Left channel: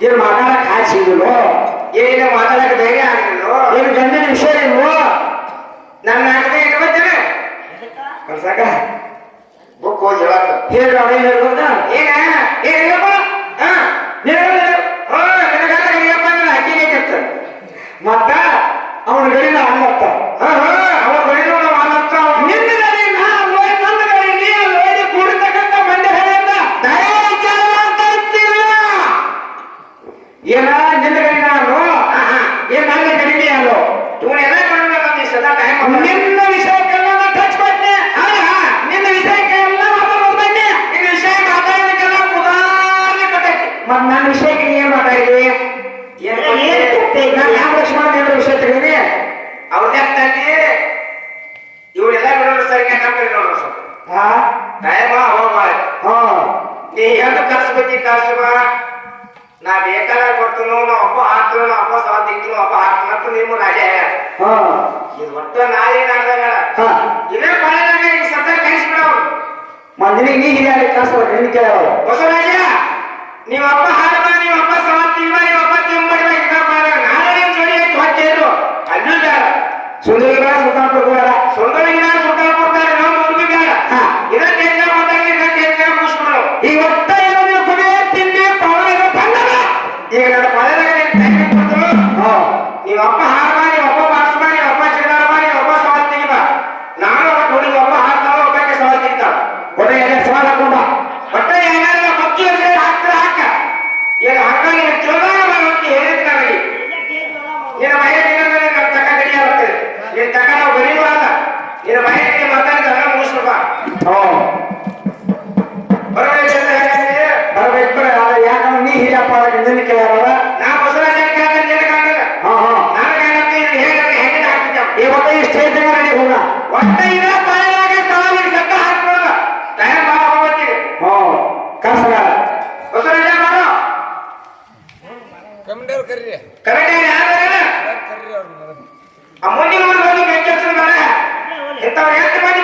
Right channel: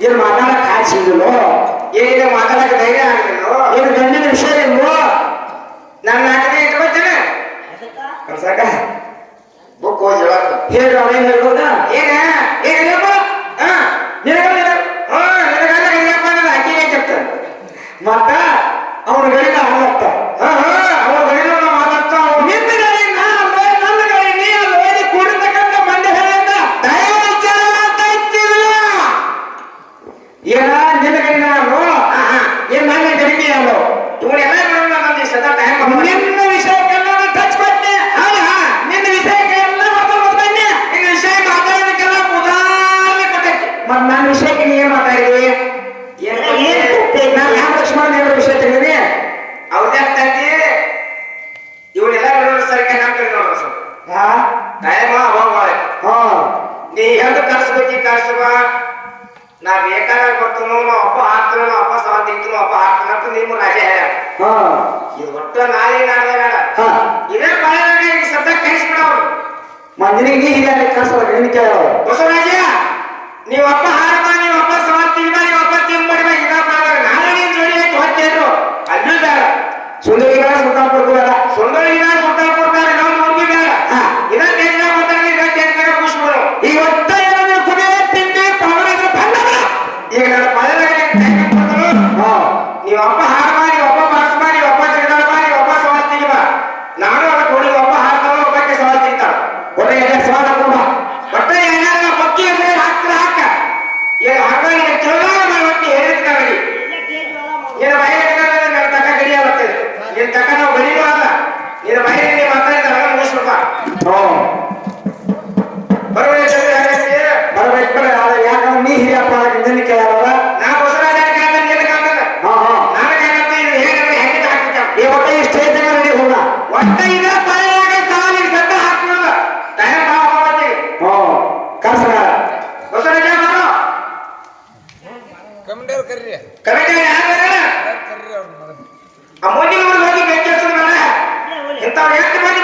ಏನು ಮಾತಾಡಕ್ ಕಾಸು ಸಿಗಲ್ವೋ ಏನು ಧೈರ್ಯ ಆಗಲ್ವೋ ಏನು ಗಂಡನ ವಿಷಯ ಇಲ್ವೋ? ನನ್ನ ಹಾಕಿದ್ರೆ ಇಟ್ಕೋತೇನೆ. ಕಲ್ಸಾಕ ಬುಕ್ ಓದಿ ಹೇಳಪ್ಪ ಹೇಳಿ ya, ini ಈ ನಾಳೆ ಇದೇ ಈ ನೀ ನೀವಪ್ಪ ಹಾಕ ¡Corre, ya! ಕಮಿಟಿಯವ್ರು ಕರೀರಿ. ಕಮಿಟಿಯವ್ರು ಯಾರು ಬರೋಣ ಕರೀರಿ ಅವ್ರನ್ನ ಮೊದಲು ಆ ಮೋದಿ ಮಾಡಿ ಕೆಲಸ ಮಾಡೋಣ ಇಂಥವ್ರು ಎಷ್ಟು ಮಾಡಿ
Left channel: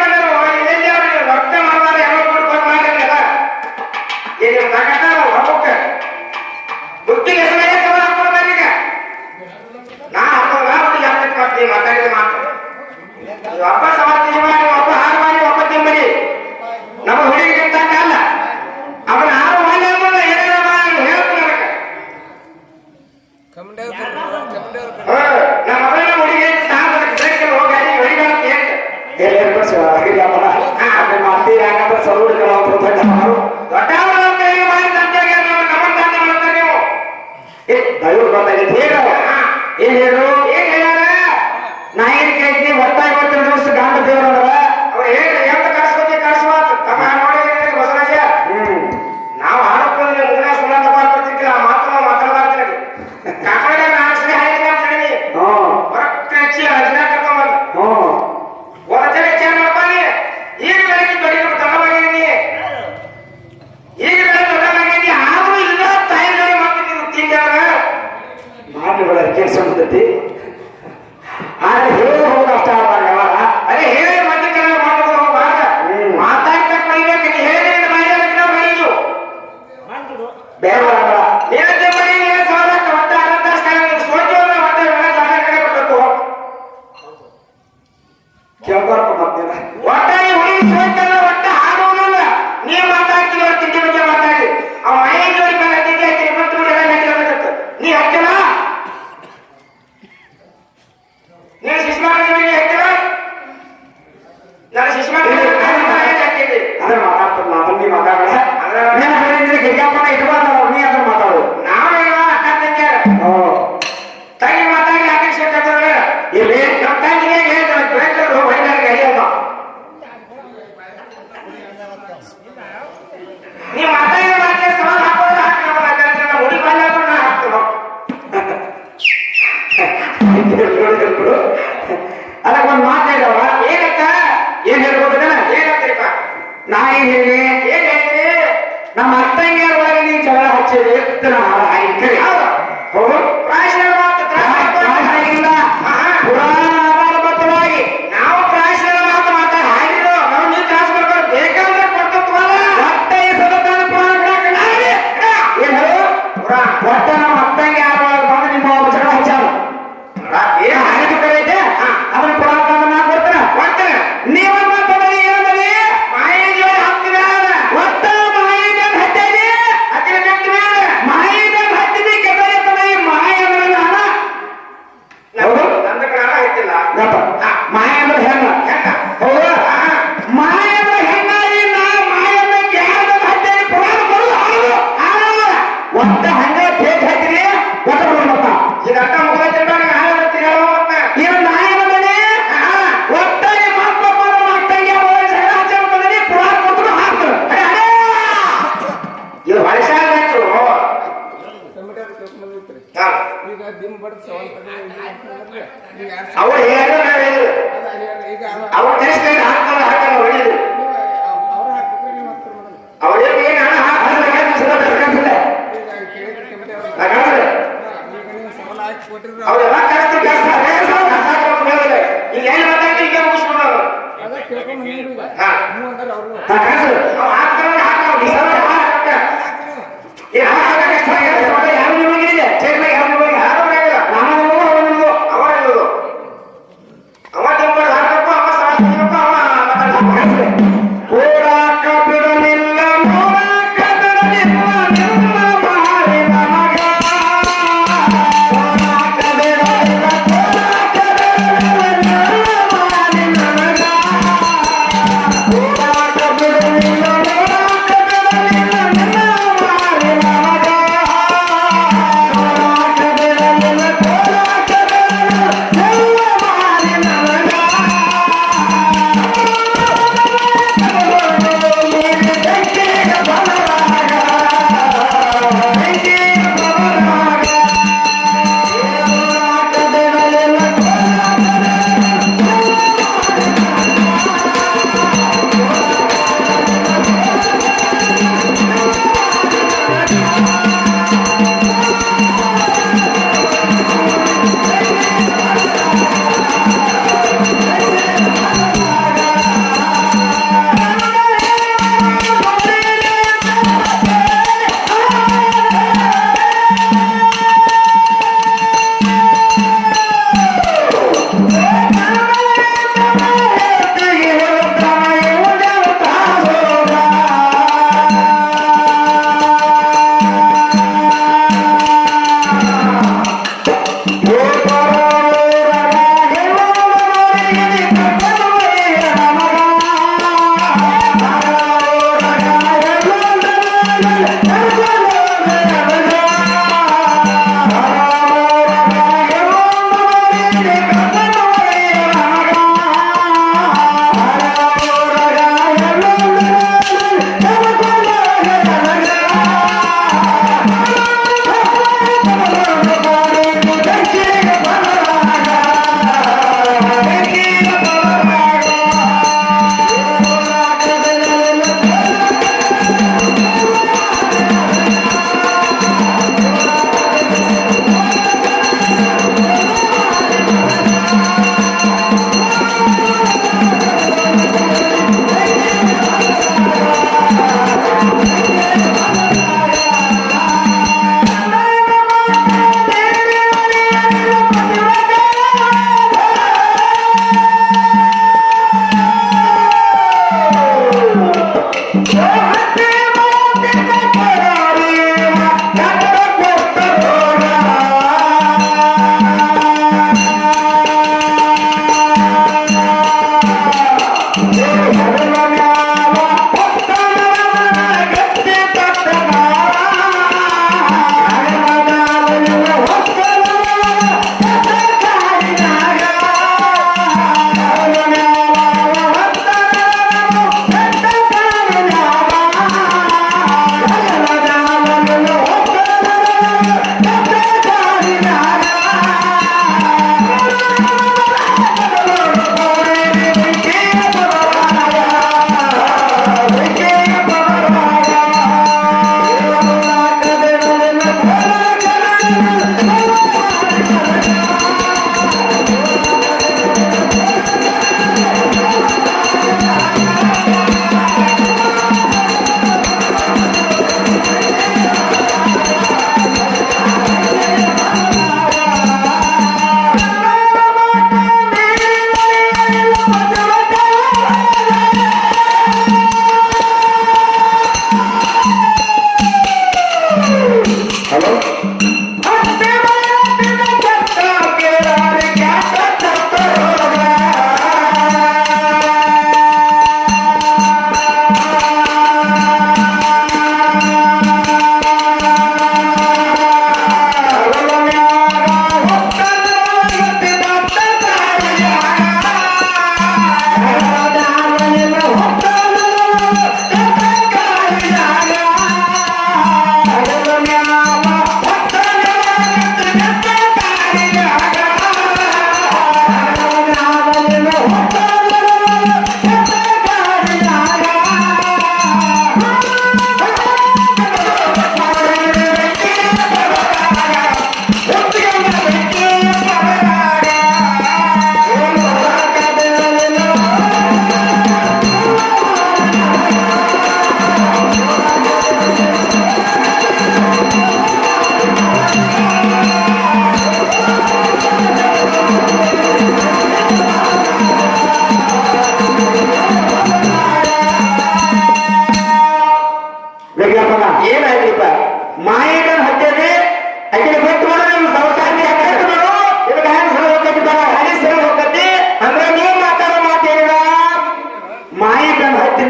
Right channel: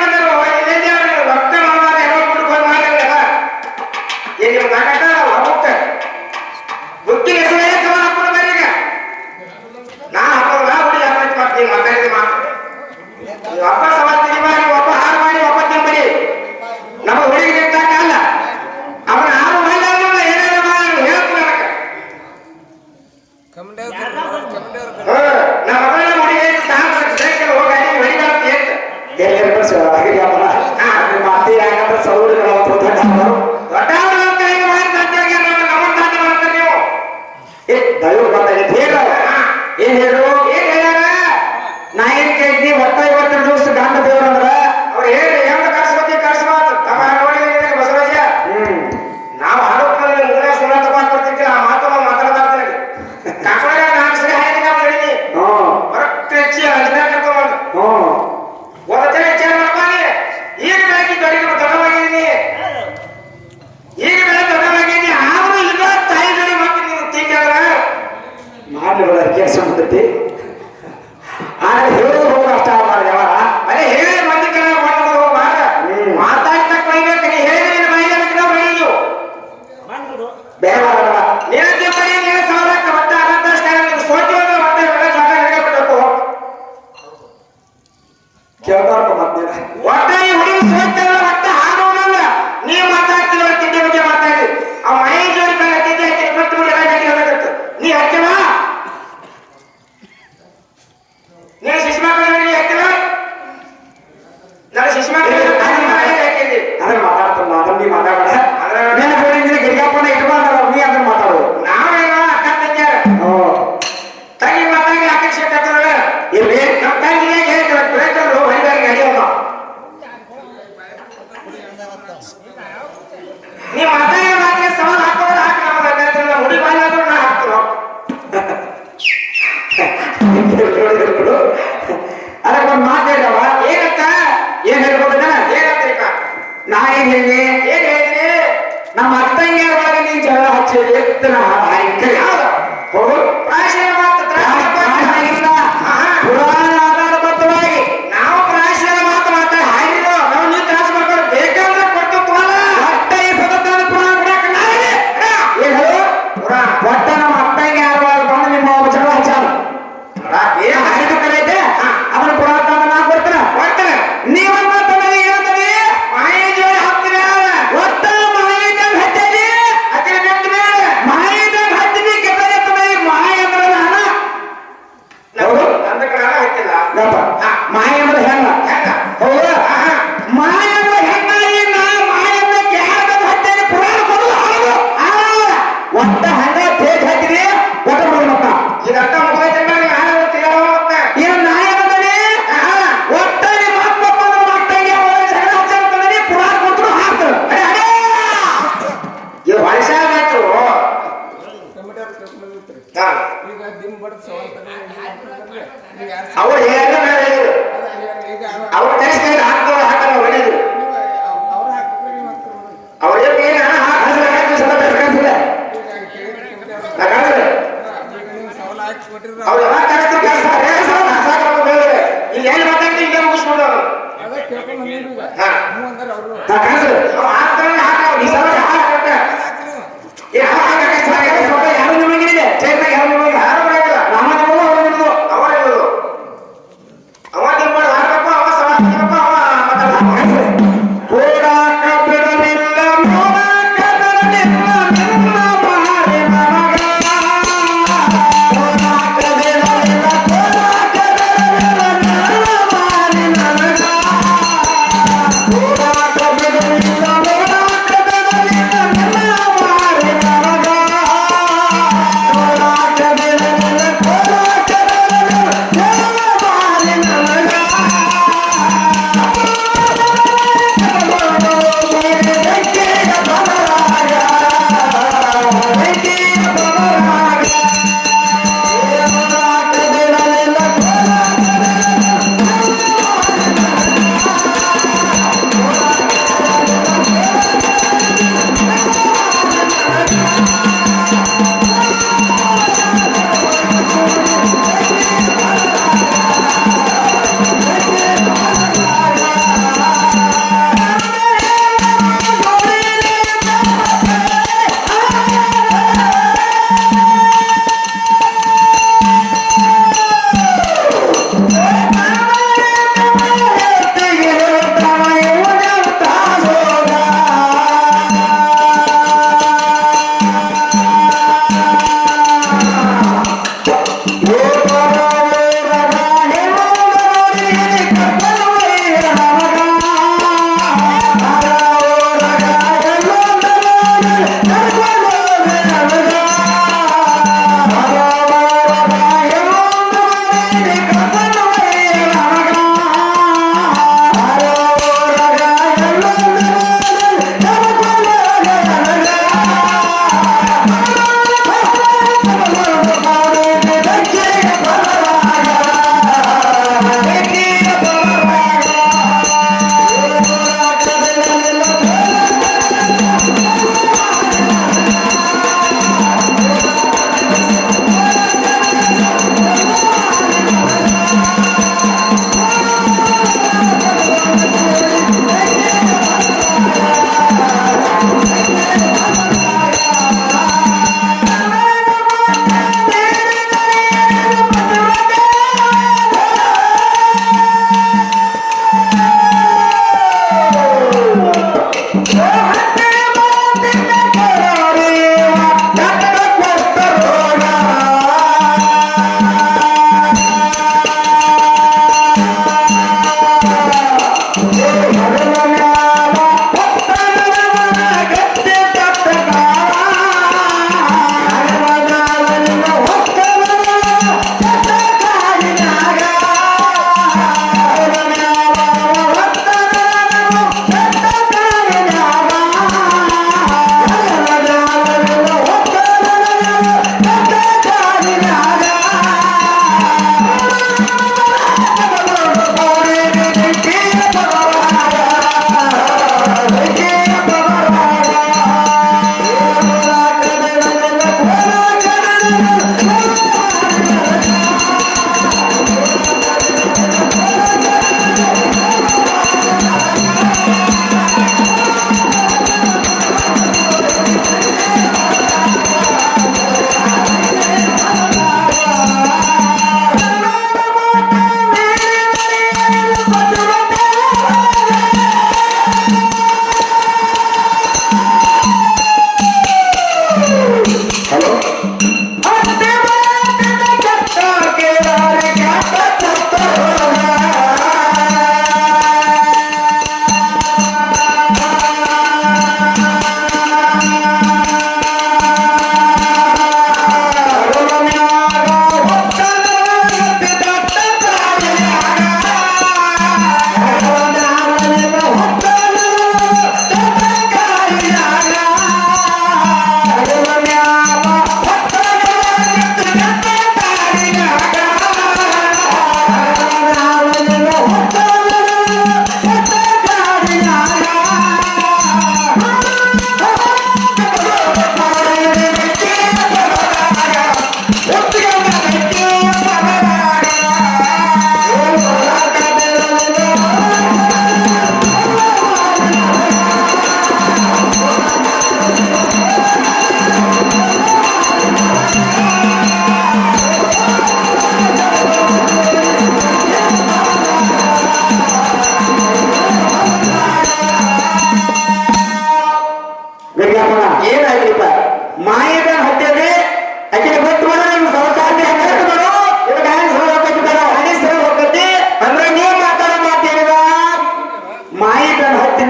ஆச்சரியத்தினால் ಓಡಾಡ ಕರ್ಕೊಂಡು ಬಂದಿತ್ತು ಈಗ ದಿಮ್ ಬಡದ್ ಸವಾಲ್ ತಗೊಂಡು ಈಗ Música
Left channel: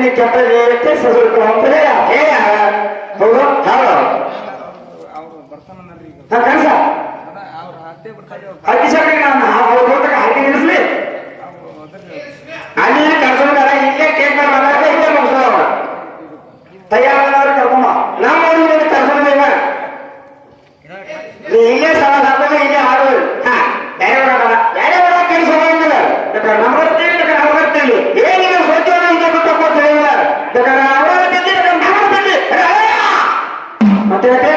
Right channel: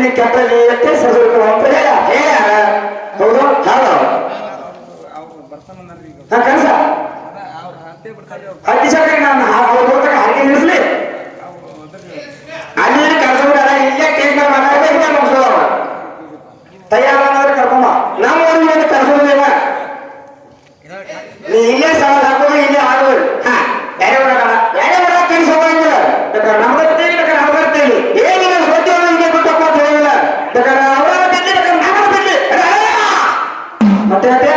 tiene que aprender. contente